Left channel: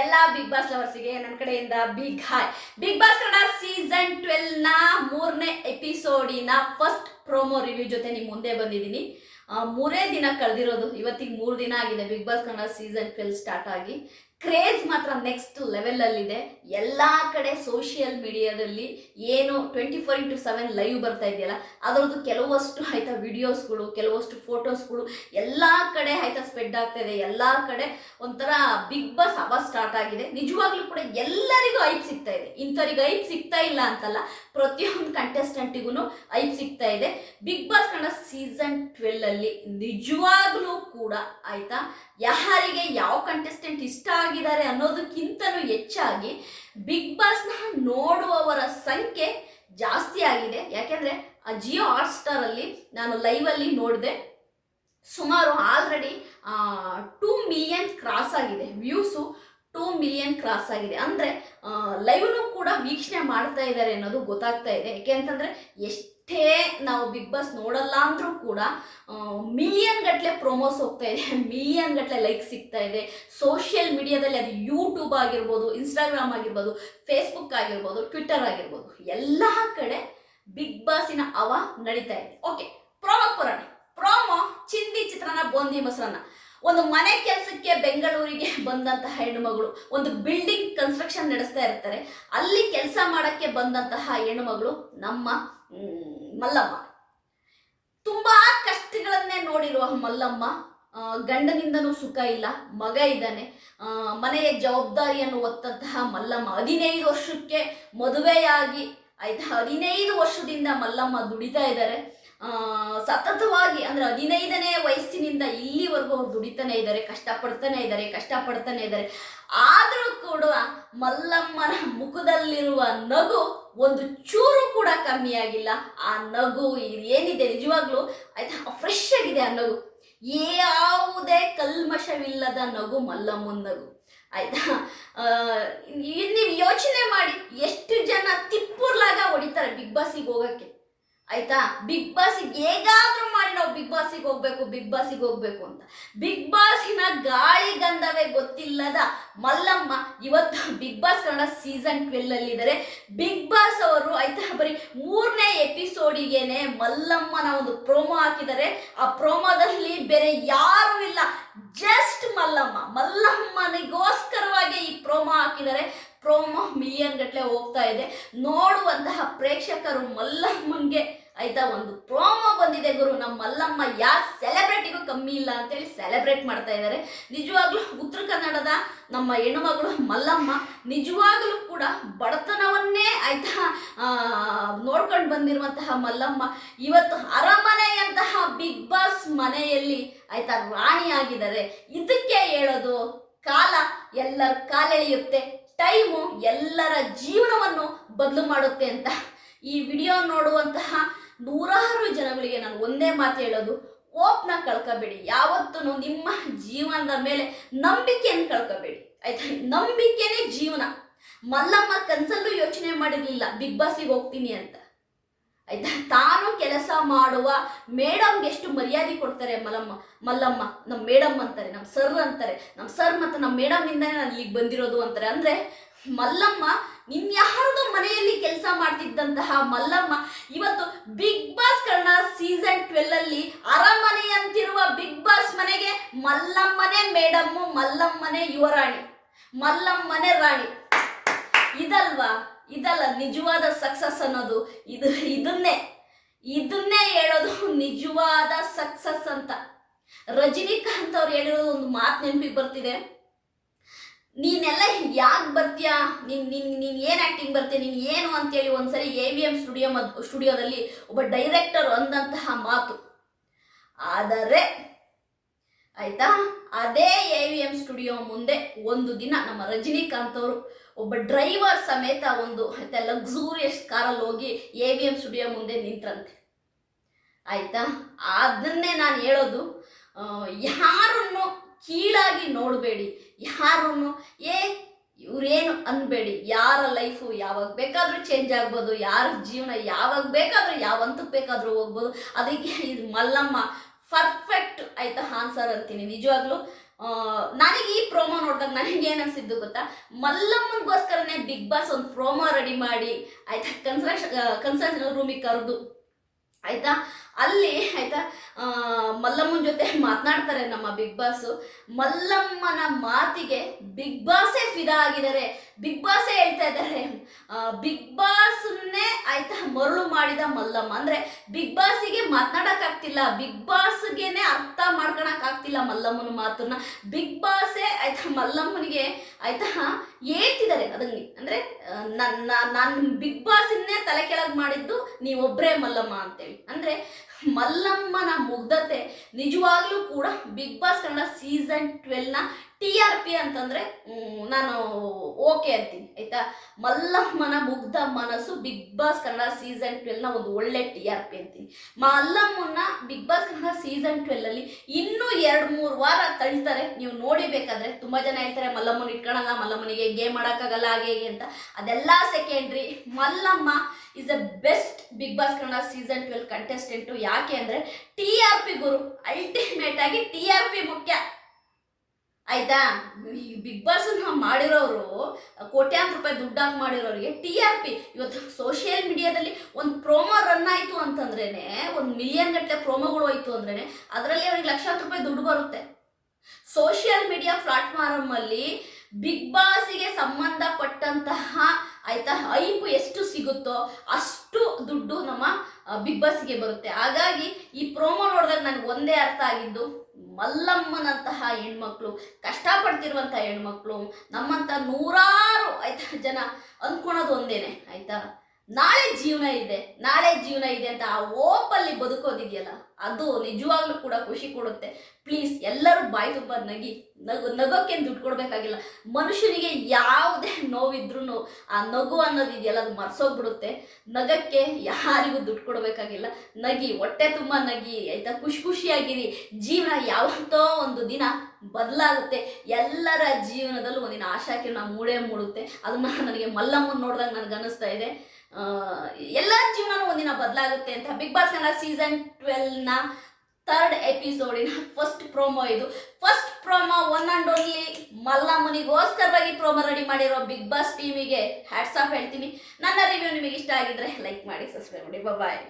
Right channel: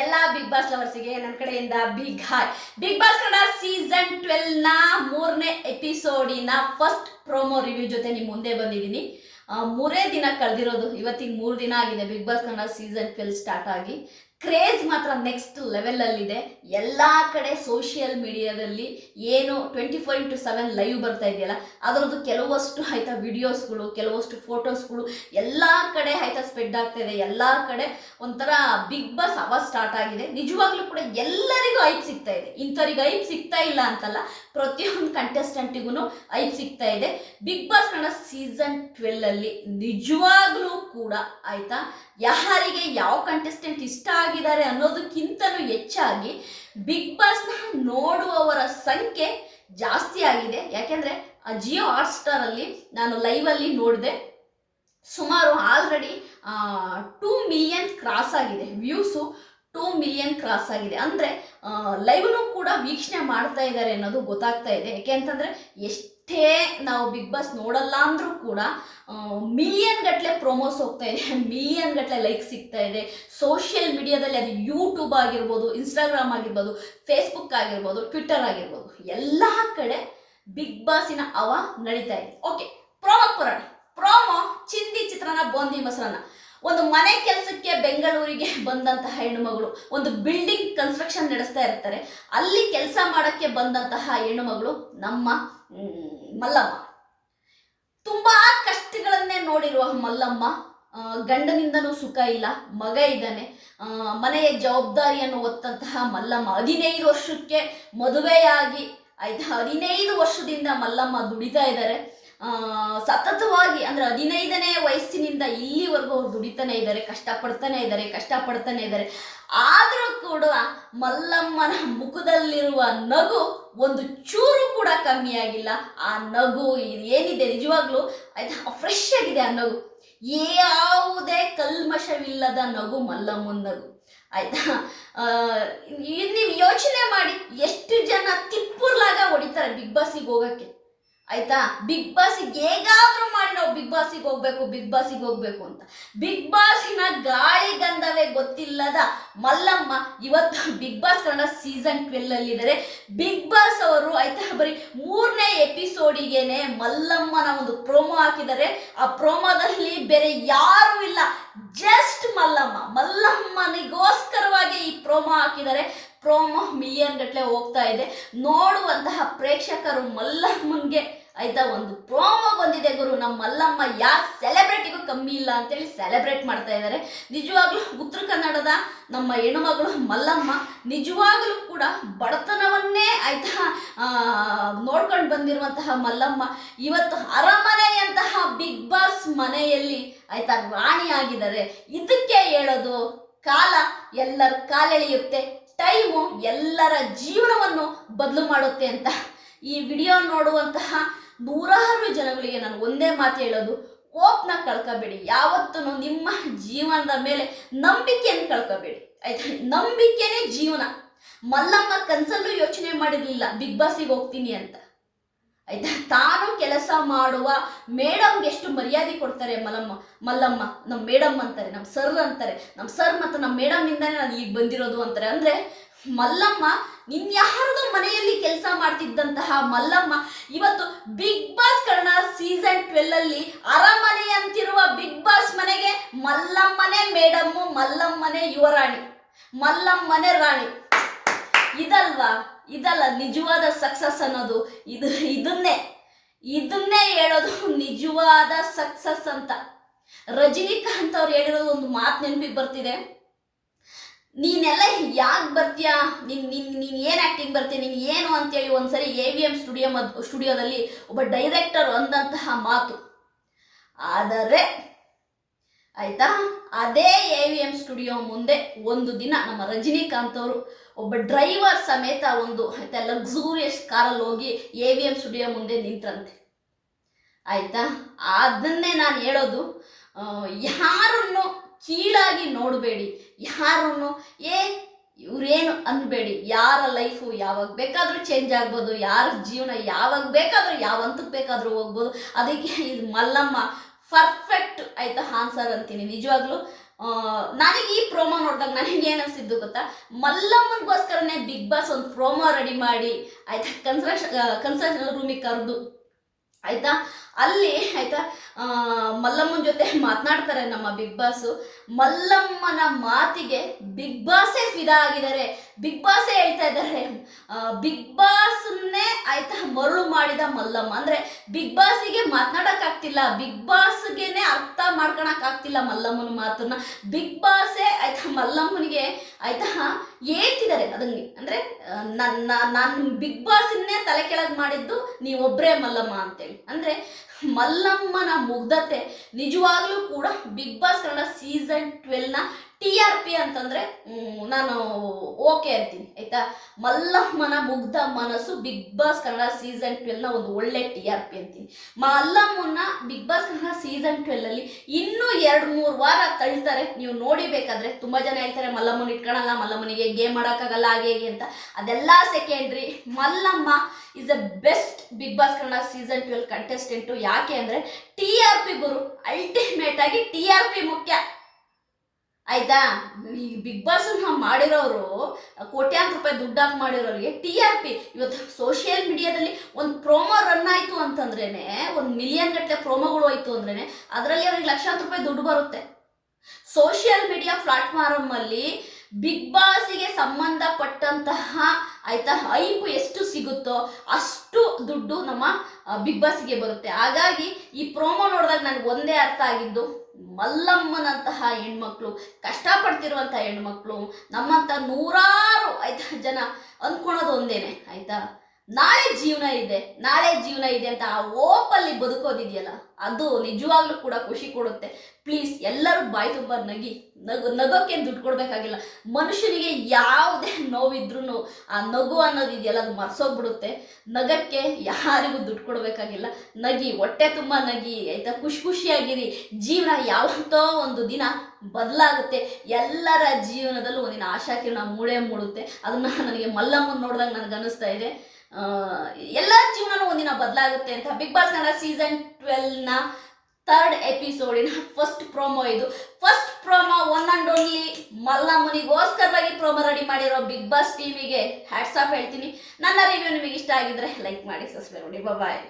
ಎಲ್ಲ big boss ಲವರ್ಸಿಗೆ ನನ್ನ ಕಡೆಯಿಂದ big hi Bigg Boss Kannada season ಟ್ವೆಲ್ನ ಮೂರನೇ ಎಪಿಸೋಡಿನ ಫಸ್ಟ್ ಪ್ರೋಮೋ ರಿವ್ಯೂ ಜೊತೆ ನಿಮ್ಮ ಮುಂದೆ ಬಂದಿದ್ದೀನಿ. ಮೂರೇ ದಿನ ಕಳೆದಿರೋದು, ಇವತ್ತಿಗೆ ಮೂರು ದಿನ ಆಗಿದೆ Bigg Boss Kannada season twelve start ಆಗಿ. ಕ್ರೇಜ್ ಮಾತ್ರ ನೆಕ್ಸ್ಟ್ ಲೆವೆಲಲ್ಲಿದೆ ಎಲ್ಲ ಕಡೆ ಸೋಷಿಯಲ್ ಮೀಡಿಯಾದಲ್ಲಿ ಏನು twenty four into seven live ಬರ್ತಾ ಇದೆಯಲ್ಲ, ಅದರದ್ದು ಕೆಲವಷ್ಟು ಆಯ್ತಾ ವಿಡಿಯೋಸ್ಗಳು ಕೆಲವಷ್ಟು ಫೋಟೋಸ್ಗಳು ಎಲ್ಲ ಕಡೆ ಆಯ್ತಾ ಸ್ಪ್ರೆಡ್ ಆಗ್ತಾ ಇದೆ ಎಲ್ಲ ಕಡೆ ಒಂಥರ ಬಿಗ್ ಬಾಸ್ ಅವ ಸ್ಟಾರ್ಟ್ ಆಗಿದೆ. ನಿಜವಾಗ್ಲೂ ಕೂಡ ಎಲ್ಲರಿಗೂ ಐಪ್ ಸಿಗ್ತಾ ಇದೆ. ಇಂಥವ್ರಿಗೆ ಐಪ್ ಸಿಗ್ತಾ ಇಲ್ಲ ಅಂತಲ್ಲ, ಪ್ರತಿಯೊಂದು ಕಂಟೆಸ್ಟೆಂಟಿಗೂ ಐಪ್ ಸಿಗ್ತಾ ಇದೆ. Bigg Boss Kannada season twelve ಅಲ್ಲಿ ನಿಜವಾಗ್ಲೂ ಕೂಡ ಆಯ್ತಾ? ಯಾರಿಗೆ ಯಾವ ಕಂಟೆಸ್ಟೆಂಟ್ ಇಷ್ಟ ಆಗಿದ್ದಾರೆ ಅನ್ನೋದಕ್ಕಿಂತಲೂ ಹೆಚ್ಚಾಗಿ ಬಿಗ್ ಬಾಸ್ನ ನೋಡುವವರ ಸಂಖ್ಯೆ ಜಾಸ್ತಿ ಆಗಿದೆ. ಯಾಕೆಂದರೆ ಜಿಯೋ ಹಾಟ್ಸ್ಟಾರಲ್ಲಿ ನಾನು ಲೈವಲ್ಲಿ ನೋಡಿದೆ. ಸುಮಾರು ಆಲ್ರೆಡಿ ಟೂ ಮಿಲಿಯನ್ ಕ್ರಾಸ್ ಆಗಿದೆ. ವ್ಯೂಸು ಟೂ ಮಿಲಿಯನ್ ಕ್ರಾಸ್ ಆಗಿದೆ. ಅಂದರೆ ಲೈವ್ನು ಕೂಡ ವೀಕ್ಷಣೆ ಮಾಡ್ತಾ ಇದ್ದಾರೆ ಅನ್ನೋದು ಗೊತ್ತಾಗ್ತಾ ಇದೆ. ಯಾಕೆ ಅಂತಂದರೆ, ಎಷ್ಟೇ ನಾವು ಬಿಗ್ ಬಾಸ್ ನೋಡಲ್ಲ ಅಂದರೂ ಕೂಡ ಮಿಲಿಯನ್ ಗಟ್ಟಲೆ ಪ್ರೊಮೋಸ್ ಹೋಗ್ತಾ ಇದೆ. ಮಿಲಿಯನ್ ಗಟ್ಟಲೆ ಲೈಕ್ ಸಿಗ್ತಾ ಇದೆ. ಸೋಷಿಯಲ್ ಮೀಡಿಯಾದಲ್ಲಿ ಅದು ಯೂಟ್ಯೂಬ್ ಆಗಿರ್ಬೋದು ಇನ್ಸ್ಟಾಗ್ರಾಮ್ ಆಗಿರ್ಬೋದು ಫೇಸ್ಬುಕ್ ಆಗಿರ್ಬೋದು ಟ್ವಿಟ್ಟರ್ ಆಗಿರ್ಬೋದು, ಎಲ್ಲ ಕಡೆ ಬಿಗ್ ಬಾಸಿನ ಅವ ನಡೀತಾ ಇದೆ. ಓಕೆ ಪ್ರೋಮೋ ಪುರಾಣ. ಒಂದು ಮನೆ ಕೆಲಸಕ್ಕೆ ಬೆಂಗಳೂರಿಗೆ ಬಂದಂತಹ ಹೆಣ್ಣುಮಗಳು, ಒಂದು ಬಿಲ್ಡಿಂಗ್ ಕನ್ಸ್ಟ್ರಕ್ಷನ್ ನಡೆಸ್ತಾ ಇರ್ತಾರೆ. ಅಲ್ಲಿ ಕೆಲಸ ಮಾಡೋಕ್ಕೆ ಬಂದಂತಹ ಹೆಣ್ಣುಮಗಳು ನಮ್ಮ ಮಲ್ಲಮ್ಮ. ತುಂಬಾ ಕಷ್ಟಗಳನ್ನೇ ನೋಡಿರುವ ಮಲ್ಲಮ್ಮ ಗಂಡನಿಂದನೂ ಸುಖ ಇಲ್ಲ, ಮಗ ಇದ್ದಾನೆ. ಮನೆಯ ಜವಾಬ್ದಾರಿಯನ್ನು ಒತ್ತಂತಹ ಮಲ್ಲಮ್ಮ ಹದಿನೈದು ವರ್ಷಕ್ಕೆ ಮದುವೆಯಾಗಿ ಆಯ್ತಾ ಹದಿನೈದು ವರ್ಷದಿಂದ ಮಲ್ಲಮ್ಮ ದುಡಿತಾ ಇದ್ದಾರೆ. ಸತತವಾಗಿ ಅಂದ್ರೆ ಹದಿನೈದನೇ ವಯಸ್ಸಿನಿಂದ ಇಲ್ಲಿವರೆಗೂ ಅವ್ರು ದುಡಿತಾನೆ ಇದ್ದಾರೆ, ಕಷ್ಟಪಡ್ತಾನೆ ಇದ್ದಾರೆ ಕಷ್ಟಪಡ್ತಾನೆ ಇದ್ದಾರೆ. ಆದರೂ ಕೂಡ ಮಲ್ಲಮ್ಮನ ಮುಖದಲ್ಲಿರುವ ನಗು ಒಂದು ಚೂರು ಕೂಡ ಕಮ್ಮಿ ಆಗಿಲ್ಲ. ಆ ನಗು ಇದು ಏನಿದೆ ನಿಜವಾಗ್ಲೂ ಆಯ್ತಾ ಫ್ರೆಶ್ ಆಗಿದೆ ಆ ನಗು. ಯಾವುದೇ ಕಲ್ಮಶವಿಲ್ಲದ ನಗು ಮಲ್ಲಮ್ಮನ ನಗು. ಆಯ್ತಾ? ನೀವು ಯೋಚನೆ ಮಾಡಿ, ಎಷ್ಟು ಜನ ತಿಪ್ಪುರ್ಲಾಗ ಹೊಡಿತಾರೆ ಬಿಗ್ ಬಾಸಿಗೆ ಹೋಗಕ್ಕೆ? ಆಯ್ತಾ? ಬಿಗ್ ಬಾಸಿಗೆ ಹೇಗಾದ್ರೂ ಮಾಡಿ ನಾವು ಬಿಗ್ ಬಾಸಿಗೆ ಹೋಗ್ಬೇಕು ಬಿಗ್ ಬಾಸಿಗೆ ಹೋಗ್ಬೇಕು ಅಂತ. ಬಿಗ್ ಬಾಸಿನ ಗಾಳಿ ಗಂಧವೇ ಗೊತ್ತಿಲ್ಲದ ಮಲ್ಲಮ್ಮ ಇವತ್ತು Bigg Boss Kannada season twelve ಅಲ್ಲಿದ್ದಾರೆ. Big boss ಅವರು ಆಯ್ತಾ ಬರೀ ಮೂರನೇ ಎಪಿಸೋಡಿಗೆನೆ ಮಲ್ಲಮ್ಮನ ಒಂದು ಪ್ರೋಮೋ ಹಾಕಿದ್ದಾರೆ. ಆ ಪ್ರೋಮೋದಲ್ಲಿ ಬೇರೆ ಯಾರೂ ಇಲ್ಲ ಜಸ್ಟ್ ಮಲ್ಲಮ್ಮ. ಮಲ್ಲಮ್ಮನಿಗೋಸ್ಕರವಾಗಿ ಈ ಪ್ರೋಮೋ ಹಾಕಿದ್ದಾರೆ. ಪ್ರೋಮೋ ಮಿಲಿಯನ್ ಗಟ್ಟಲೆ ಹೋಗ್ತಾ ಇದೆ. ನೋಡುವಂತಹ ಪ್ರೇಕ್ಷಕರು ಮಲ್ಲಮ್ಮನ್ಗೆ ಆಯ್ತಾ ಒಂದು ಪ್ರೋಮೋ ಬಂದಿದೆ ಗುರು. ನಮ್ಮ ಮಲ್ಲಮ್ಮ ಯಾವ ಸೆಲೆಬ್ರಿಟಿಗೂ ಕಮ್ಮಿ ಇಲ್ಲ ಅಂತೇಳಿ ಸೆಲೆಬ್ರೇಟ್ ಮಾಡ್ತಾ ಇದ್ದಾರೆ ನಿಜವಾಗ್ಲೂ ಉತ್ತರ ಕನ್ನಡದ ನಮ್ಮ ಹೆಣ್ಣುಮಗಳು ಮಲ್ಲಮ್ಮ ನಿಜವಾಗಲೂ ಕೂಡ ಬಡತನವನ್ನೇ ಆಯ್ತಾ ನೋಡ್ಕೊಂಡು ಬಂದಿರುವಂತಹ ಮಲ್ಲಮ್ಮ ಇವತ್ತು ಅರಮನೆಯಂತಹ ಬಿಗ್ ಬಾಸ್ ಮನೆಯಲ್ಲಿ ಆಯ್ತಾ ರಾಣಿಯಾಗಿದ್ದಾರೆ. ಇದಕ್ಕೆ ಹೇಳೋದು ಕಾಲ ಎಲ್ಲರ ಕಾಲೆಳೆಯುತ್ತೆ. ಟೈಮು ಎಲ್ಲರ ಜೀವನವನ್ನು ಬದಲು ಮಾಡುತ್ತೆ ಅಂತ. ಈ ವಿಡಿಯೋ ನೋಡುವಂತಹ ನೂರಾರು ಜನಗಳಿಗೆ ನಾನು ಒಂದೇ ಮಾತು ಹೇಳೋದು ಓಪ್ನ ಕಳ್ಕೋಬೇಡಿ. ಯಾವತ್ತೂ ನಿಮ್ಮ ಜೀವನದ ಮೇಲೆ ನಂಬಿಕೆಯನ್ನು ಕಳ್ಕೋಬೇಡಿ. ಆಯ್ತಾ? ನಂಬಿಕೆನೇ ಜೀವನ. ಮಲ್ಲಮ್ಮ ಕನ್ಸಲ್ಲೂ ಯೋಚನೆ ಮಾಡಿರಲಿಲ್ಲ, ಬಿಗ್ ಬಾಸಿಗೆ ಹೋಗ್ತೀನಿ ಅಂತ. ಆಯ್ತಾ? ತಾನು ಕೆಲಸ ಮಾಡುವ ಮೇಡಮ್ಗೆ ಎಷ್ಟು ಮರ್ಯಾದೆ ಕೊಡ್ತಾರೆ ಮಲ್ಲಮ್ಮ ಮಲ್ಲಮ್ಮ ನಮ್ಮ ಮೇಡಮ್ ಅಂತಾರೆ ನಮ್ಮ ಸರ್ ಅಂತಾರೆ ನಮ್ಮ ಸರ್ ಮತ್ತು ನಮ್ಮ ಮೇಡಮ್ನಿಂದನೇ ನಾನು ಇಲ್ಲಿಗೆ ಬಂದಿರೋದು ಅಂತಾರೆ. ಅಂದರೆ ಮಲ್ಲಮ್ಮ ಇನ್ಯಾರದೋ ಮನೆಯಲ್ಲಿ ಕೆಲಸ ಮಾಡ್ತಿದ್ದಂತಹ ಮಲ್ಲಮ್ಮ, ಇವತ್ತು Bigg Boss Kannada season twelve ಅಲ್ಲಿ ಅರಮನೆ ಅಂತಿರುವ ಬಿಗ್ ಬಾಸ್ ಮನೆಗೆ ಮಲ್ಲಮ್ಮನೇ ಮೇಡಮ್ಮು, ಮಲ್ಲಮ್ಮನೇ ಯುವರಾಣಿ, ಮಲ್ಲಮ್ಮನೇ ರಾಣಿ. ಇದಲ್ವಾ? ಇದಲ್ಲ, ನಿಜವಾದ ಸಕ್ಸಸ್ ಅನ್ನೋದು ಇದು, ಇದನ್ನೇ. ಇದನ್ನೇ ಹೇಳೋದು ನಿಜವಾದ ಸಕ್ಸಸ್ ಅಂತ. ರಜನಿಕಾಂತ್ ಅವ್ರು ಹೇಳಿರೋದು ಒಂದು ಮಾತು ನೆನಪಿಗೆ ಬರ್ತಿದೆ. ನೀನೆಲ್ಲ ಯಾಕೆ ಬರ್ತೀಯಾ? ನಿನ್ ನಿನ್, ನೀನು ಏನು ಆ್ಯಕ್ಟಿಂಗ್ ಬರ್ತೀಯ? ನೀನು ಏನು ಅಂತೇಳಿ ಒಂದ್ಸರಿ ಎ ವಿ ಎಂ ಸ್ಟುಡಿಯೋ ಮದ್ ಸ್ಟುಡಿಯೋದಲ್ಲಿ ಒಬ್ಬ ಡೈರೆಕ್ಟರ್ ಅಂದಂತಹ ಮಾತು. ಆದರೆ ಆಯ್ತಾ? ಅದೇ ಎ ವಿ ಎಂ ಸ್ಟುಡಿಯೋ ಮುಂದೆ ಒಂದು ದಿನ ನಮ್ಮ ರಜನಿಕಾಂತ್ ಅವರು ಒಬ್ಬ ಡ್ರೈವರ್ ಸಮೇತ ಒಂದು ಆಯ್ತಾ ಲಕ್ಸೂರಿಯಸ್ ಕಾರಲ್ಲಿ ಹೋಗಿ ಎ ವಿ ಎಂ ಸ್ಟುಡಿಯೋ ಮುಂದೆ ನಿಂತ್ರಂತೆ. ಆಯ್ತಾ? ಅದನ್ನೇ ನಾನು ಹೇಳೋದು ಯಾರನ್ನು ಕೀಳಾಗಿ ನೋಡಬೇಡಿ, ಯಾರನ್ನು, ಏ, ಇವ್ರೇನು ಅನ್ಬೇಡಿ, ಯಾರ ಲೈಫು ಯಾವಾಗ ಬೇಕಾದರೂ ಚೇಂಜ್ ಆಗ್ಬೋದು, ಯಾರ ಜೀವನ ಯಾವಾಗ ಬೇಕಾದರೂ ಯಾವ ಹಂತಕ್ಕೆ ಬೇಕಾದರೂ ಹೋಗ್ಬೋದು, ಅದಕ್ಕೆ ಇದು ಮಲ್ಲಮ್ಮ ಪರ್ಫೆಕ್ಟ್ ಆಯ್ತಾ ಆನ್ಸರ್ ಅಂತೀನಿ. ನಿಜವಾಗ್ಲೂ ನನಗೆ ಈ ಪ್ರೋಮೋ ನೋಡಿದಾಗ ನನಗೆ ಏನು ಅನಿಸಿದ್ದು ಗೊತ್ತಾ? ಮಲ್ಲಮ್ಮನಿಗೋಸ್ಕರನೇ ಬಿಗ್ ಬಾಸ್ ಒಂದು ಪ್ರೋಮೋ ರೆಡಿ ಮಾಡಿ, ಆಯ್ತಾ ಕನ್ಸ್ಟ್ರಕ್ಷನ್ ಕನ್ಸ್ಟ್ರಕ್ಷನ್ ರೂಮಿಗೆ ಕರೆದು, ಆಯ್ತಾ? ಅಲ್ಲಿ, ಆಯ್ತಾ ಮಲ್ಲಮ್ಮನ ಜೊತೆ ಮಾತನಾಡ್ತಾರೆ ನಮ್ಮ ಬಿಗ್ ಬಾಸು ಮಲ್ಲಮ್ಮನ ಮಾತಿಗೆ ಬಾಸೇ ಫಿದಾ ಆಗಿದ್ದಾರೆ. ಬಿಗ್ ಬಾಸೇ ಹೇಳ್ತಾ ಇದ್ದಾರೆ. ಬಿಗ್ ಬಾಸ್ನೇ ಆಯ್ತಾ ಮರಳು ಮಾಡಿದ ಮಲ್ಲಮ್ಮ. ಅಂದ್ರೆ ಬಿಗ್ ಬಾಸಿಗೆ ಮಾತನಾಡಕ್ಕಾಗ್ತಿಲ್ಲ. ಬಿಗ್ ಬಾಸ್ಗೆನೆ ಅರ್ಥ ಮಾಡ್ಕೊಳಕ್ಕಾಗ್ತಿಲ್ಲ ಮಲ್ಲಮ್ಮನ ಮಾತನ್ನ. ಬಿಗ್ ಬಾಸೇ ಆಯ್ತಾ ಮಲ್ಲಮ್ಮನಿಗೆ ಆಯ್ತಾ ಹೇಳ್ತಿದ್ದಾರೆ ಅದನ್ನೇ. ಅಂದ್ರೆ ನನ್ನ ನಾನು ಬಿಗ್ ಬಾಸ್ನೇ ತಲೆ ಕೆಳಗೆ ಮಾಡಿದ್ದು ನೀವೊಬ್ಬರೇ ಮಲ್ಲಮ್ಮ ಅಂತೇಳಿ. ಅಂದ್ರೆ, ಮಲ್ಲಮ್ಮನ ಮುಗ್ಧತೆ ನಿಜವಾಗ್ಲೂ ಕೂಡ ಬಿಗ್ ಬಾಸ್ ಕನ್ನಡ ಸೀಸನ್ ಟ್ವೆಲ್ನ ಟಿ ಆರ್ ಪಿ ಅಂತಂದ್ರೆ ನಾನು ಓಕೆ ಅಂತೀನಿ, ಆಯ್ತಾ? ಮಲ್ಲಮ್ಮನ ಮುಗ್ಧ ಮನಸ್ಸು ಬಿಗ್ ಬಾಸ್ ಕನ್ನಡ ಸೀಸನ್ ಟ್ವೆಲ್ನ ಒಂದು ಒಳ್ಳೆ ಟಿ ಆರ್ ಪಿ ಅಂತೀನಿ. ಮಲ್ಲಮ್ಮನ Bigg Boss Kannada season twelve ಅಲ್ಲಿ ಇನ್ನೂ ಎರಡು ಮೂರು ವಾರ ತಳ್ತಾರೆ. ನೀವು ನೋಡಿಬೇಕಾದ್ರೆ ತುಂಬಾ ಜನ ಹೇಳ್ತಾರೆ, ಮಲ್ಲಮ್ಮನ ಇಟ್ಕೊಳಲ್ಲ, ಮಲ್ಲಮ್ಮನಿಗೆ ಗೇಮ್ ಮಾಡೋಕ್ಕಾಗಲ್ಲ ಹಾಗೆ ಹೇಗೆ ಅಂತ. ಅದೆಲ್ಲ secondary Mallamma is the best Bigg Boss Kannada season twelve contestant ಯಾಕೆ ಅಂದರೆ ಟಿ ಆರ್ ಪಿ ಗುರು ಅಲ್ಟಿಮೇಟ್ ಆಗಿ ಟಿ ಆರ್ ಪಿ ಮುಖ್ಯ. ಆಯ್ತಾ? ಈ ಬಿಗ್ ಬಾಸ್ ಮಾಡಿರೋರು, ಕೋಟ್ಯಾಂತರ ರೂಪಾಯಿ ದುಡ್ಡು ಹಾಕಿ ಮಾಡಿರೋರಿಗೆ ಟಿ ಆರ್ ಪಿ ಇವತ್ತು ಸೋಷಿಯಲ್ ಮೀಡಿಯಾದಲ್ಲಿ ಒಂದು ಪ್ರೋಮೋ ರನ್ ಆಯಿತು ಅಂತಂದ್ರೇ ಒಂದು ಮಿಲಿಯನ್ ಗಟ್ಟಲೆ ಪ್ರೋಮೋಗಳು ಹೋಯ್ತು ಅಂದ್ರೇ ಅದರಲ್ಲಿ ಅವ್ರಿಗೆ ಲಕ್ಷಾಂತರ ರೂಪಾಯಿ ದುಡ್ಡು ಬರುತ್ತೆ. ಸೋಷಿಯಲ್ ಮೀಡಿಯಾ ಪ್ಲಾಟ್ಫಾರ್ಮ್ ಅಲ್ಲಿ ಬಿಗ್ ಬಾಸಿಗೆ ಸಂಬಂಧಪಟ್ಟಂತಹ ಆಯ್ತಾ ಐಪು ಎಷ್ಟು ಸಿಗುತ್ತೋ ಅಷ್ಟು ದುಡ್ಡು ನಮ್ಮ ಬಿಗ್ ಬಾಸಿಗೆ ಬರುತ್ತೆ. ಹಾಗಾಗಿ ಈ ಪ್ರೋಮೋ ನೋಡಿದಾಗ ನನಗೆ ಒಂದೇ ಅರ್ಥ ಆಗಿದ್ದು, ಮಲ್ಲಮ್ಮನಂತಹ ಹೆಣ್ಮಕ್ಳು ಕಷ್ಟಪಡ್ತಿರುವಂತಹ ಹೆಣ್ಮಕ್ಳು ನಮ್ಮಂಥ ನೂರಾರು, ಆಯ್ತಾ, ಜನ ಅಂದ್ಕೊಳೋದು ಒಂದೇನೆ, ಆಯ್ತಾ? ನಾಳೆ ಜೀವನ ಇದೆ, ನಾಳೆ ಜೀವನ ಇದೆ ಅಂತ ಆ ಓಪಲ್ಲಿ ಬದುಕೋದಿದೆಯಲ್ಲ, ಅದು ನಿಜವಾಗ್ಲೂ ಕೂಡ ಖುಷಿ ಕೊಡುತ್ತೆ. ಪ್ಲೀಸ್ ಎಲ್ಲರೂ ಬಾಯಿ ತುಂಬ ನಗಿ, ನಗು ನಗೋಕ್ಕೇನು ದುಡ್ಡು ಕೊಡಬೇಕಾಗಿಲ್ಲ. ಮನುಷ್ಯನಿಗೆ ಯಾವುದೇ ನೋವಿದ್ರೂ ಆ ನಗು ಅನ್ನೋದು ಇದೆಯಲ್ಲ, ಅದು ಮರ್ಸೋಗ್ಬಿಡುತ್ತೆ. ನಗಕ್ಕೆ ಯಾರಿಗೂ ದುಡ್ಡು ಕೊಡಬೇಕಾಗಿಲ್ಲ. ನಗಿ, ಹೊಟ್ಟೆ ತುಂಬ ನಗಿ, ಆಯ್ತಾ? ಖುಷಿ ಖುಷಿಯಾಗಿರಿ. ಜೀವನ ಯಾವತ್ತೋ ಒಂದು ದಿನ ಬದಲಾಗುತ್ತೆ. ಎಲ್ಲರ ಜೀವನದಲ್ಲೂ ಒಂದಿನ ಆಶಾಕಿರಣ ಮೂಡೇ ಮೂಡುತ್ತೆ. ಅದನ್ನ ನನಗೆ ಮಲ್ಲಮ್ಮನ ನೋಡಿದಾಗ ನನಗೆ ಅನಿಸ್ತಾ ಇದೆ. ಎಲ್ಲ ಜೀವನನೂ ಒಂದಿನ ಬದಲಾಗುತ್ತೆ ಅಂತ ಬಿಗ್ ಬಾಸ್ ಕನ್ನಡ ಸೀಸನ್ ಟ್ವೆಲ್ನ ಥರ್ಡ್ ಎಪಿಸೋಡಿನ ಫಸ್ಟ್ ಪ್ರೋಮೋ ಇದು. First promo one and only ಮಲ್ಲಮ್ಮನಿಗೋಸ್ಕರವಾಗಿ promo ready ಮಾಡಿರೋ ಬಿಗ್ ಬಾಸ್ ಟೀಮಿಗೆ ಹ್ಯಾಟ್ಸ್ ಆಫ್ ಹೇಳ್ತೀನಿ. ನನ್ನ ರಿವ್ಯೂ ನಿಮಗೆ ಇಷ್ಟ ಆಗಿದ್ರೆ ಲೈಕ್ ಮಾಡಿ ಸಬ್ಸ್ಕ್ರೈಬ್ ಮಾಡಿ. ಬಾಯ್